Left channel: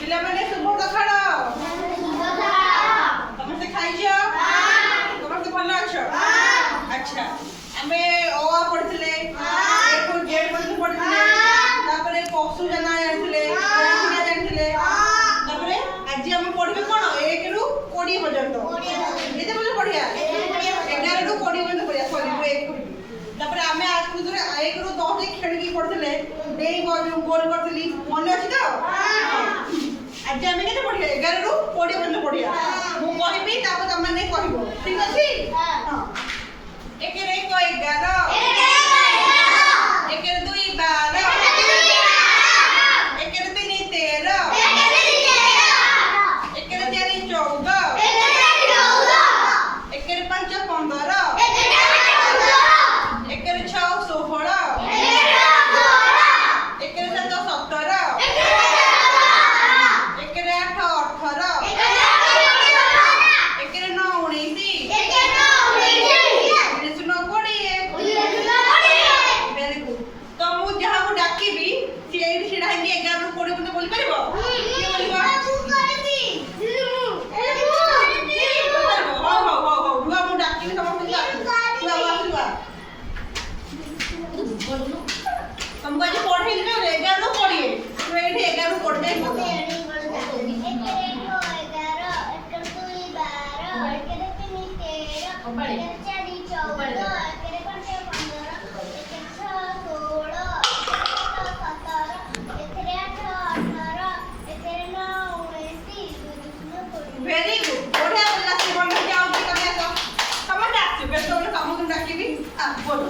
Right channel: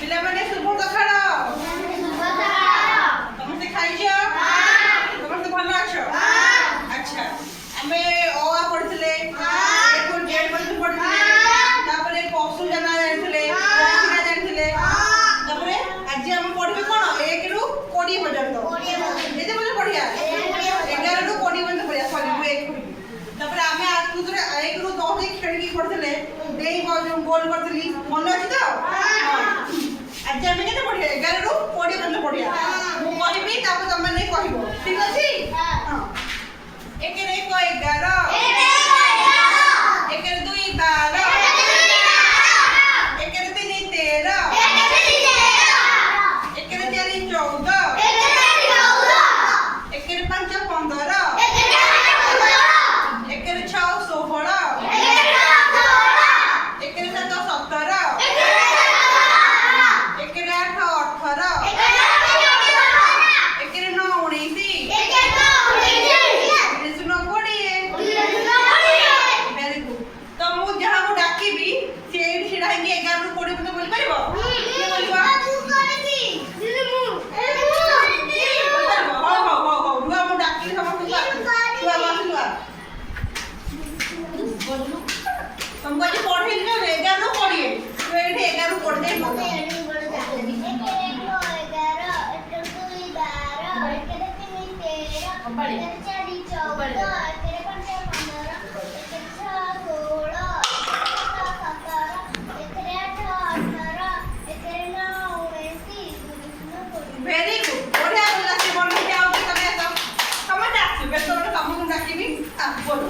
ପିଲାମାନେ ଶୁଭ ସକାଳ। ସମସ୍ତେ ଖାଇଛ? ସମସ୍ତେ ଭଲ ଅଛ? ଆଚ୍ଛା, ଆମେ ଅ ଆ ପଢିଥିଲେ, ପଢିଥିଲେ, ତାପରେ ପଶୁ ଜାନା ଜାଣିଥିଲେ, ଜାଣିଥିଲେ। ତାପରେ ଆଜି ଆମେ ପଢିବେ କଣ 1 ରୁ 20 ପର୍ଯ୍ୟନ୍ତ। କେତେ ପର୍ଯ୍ୟନ୍ତ ପଢିବା? 11 ରୁ 20 ପର୍ଯ୍ୟନ୍ତ ପଢିବା। ତାପରେ ଆମେ 1 ରୁ 10 ଖେଳିକି ପଢିଥିଲେ, ଡେଇ ଗୋଲ କରିଥିଲି, ମନେ ଅଛି ତ? ଆଜି ଆମେ କେତେ ପଢିବା? 11 ରୁ 20 ପର୍ଯ୍ୟନ୍ତ ପଢିବା। ମୁଁ କହିବି, ତାପରେ ତମେ କହିବ, ଠିକ ଅଛି? ହଁ। 1 ରେ 1 11, 1 ରେ 2 12, 1 ରେ 3 13, 1 ରେ 4 14, 1 ରେ 5 15, 1 ରେ 6 16, 1 ରେ 7 17, 1 ରେ 8 18, 1 ରେ 9 19, 1 ରେ 20। Very good. ତ ମୁଁ ଯାହାକୁ ଡାକିବି ସେ ଏଇଠି ଛିଡ଼ା ହେଇକି 11 ରୁ 20 ପର୍ଯ୍ୟନ୍ତ ବୋଲିପାରିବ? କିଏ ବୋଲିବ? ହଉ ମୁଁ ଡାକିବି ସମସ୍ତଙ୍କୁ। ତମକୁ ଆଜି ପଢେଇଲି ନା 11 ରୁ 20। ତୁ ଏଇଠି 11 ରୁ 20 ଯାଇ ପଢ। Very good. ବଢିଆ ପିଲା ସେ ବন্ধ ଯାଉ କି ତମେ ଆସ। ସମସ୍ତେ ଆସିବେ। ବେଶ ଗୋଟେ ତମକୁ ଡାକିବି। ବୋଲ।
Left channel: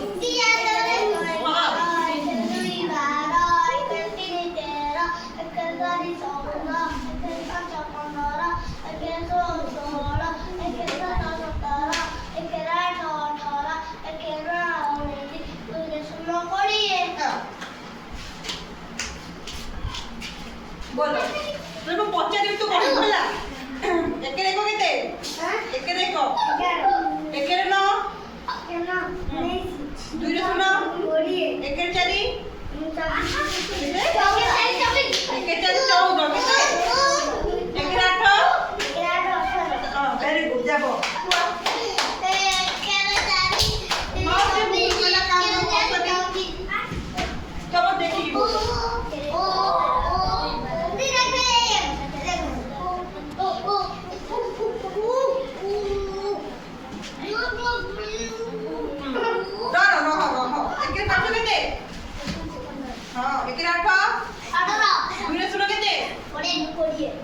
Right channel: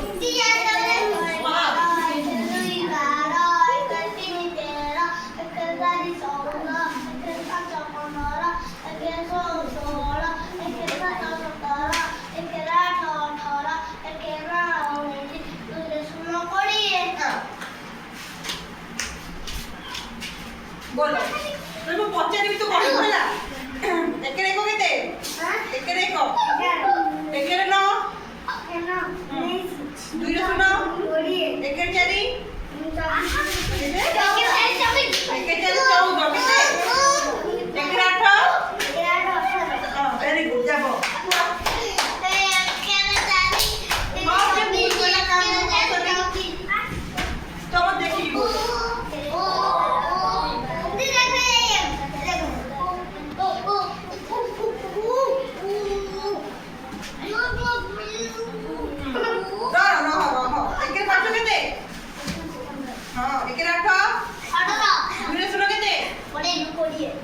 बोलो मैं पचारि तू कहू है 1 रे 1 केते 1 रे 1 1 रे 9 2 रे 9 1 रे 4 1 रे 4 14 केते 1 रे 8 वेरी गुड जाबो चलो देखी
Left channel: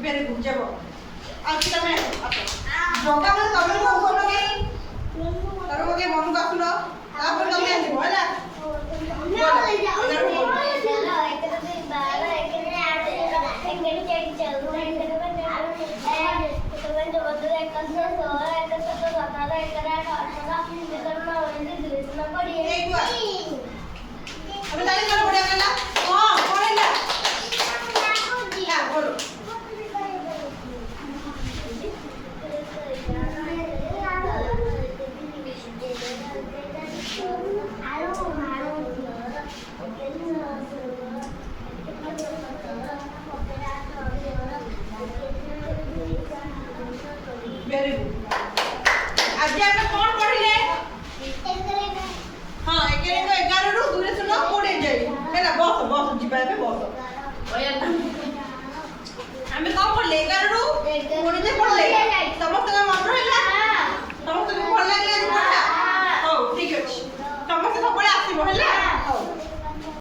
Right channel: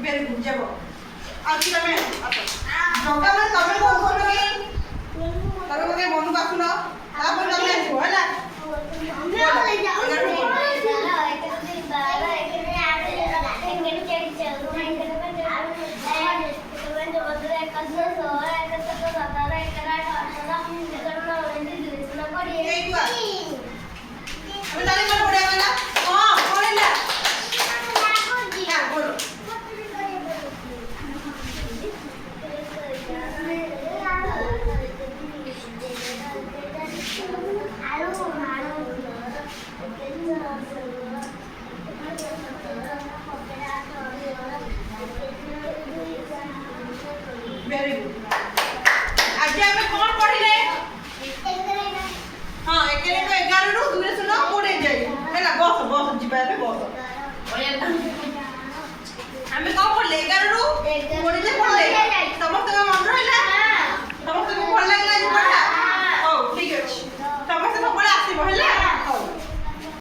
वेरी गुड जाबो आज तमे जोगा में तमे को बोलो के तमे को के मन को आसुनो तापर तमे आसो हैला ना ले जाओ अबे ताली कर बढ़िया वाला हां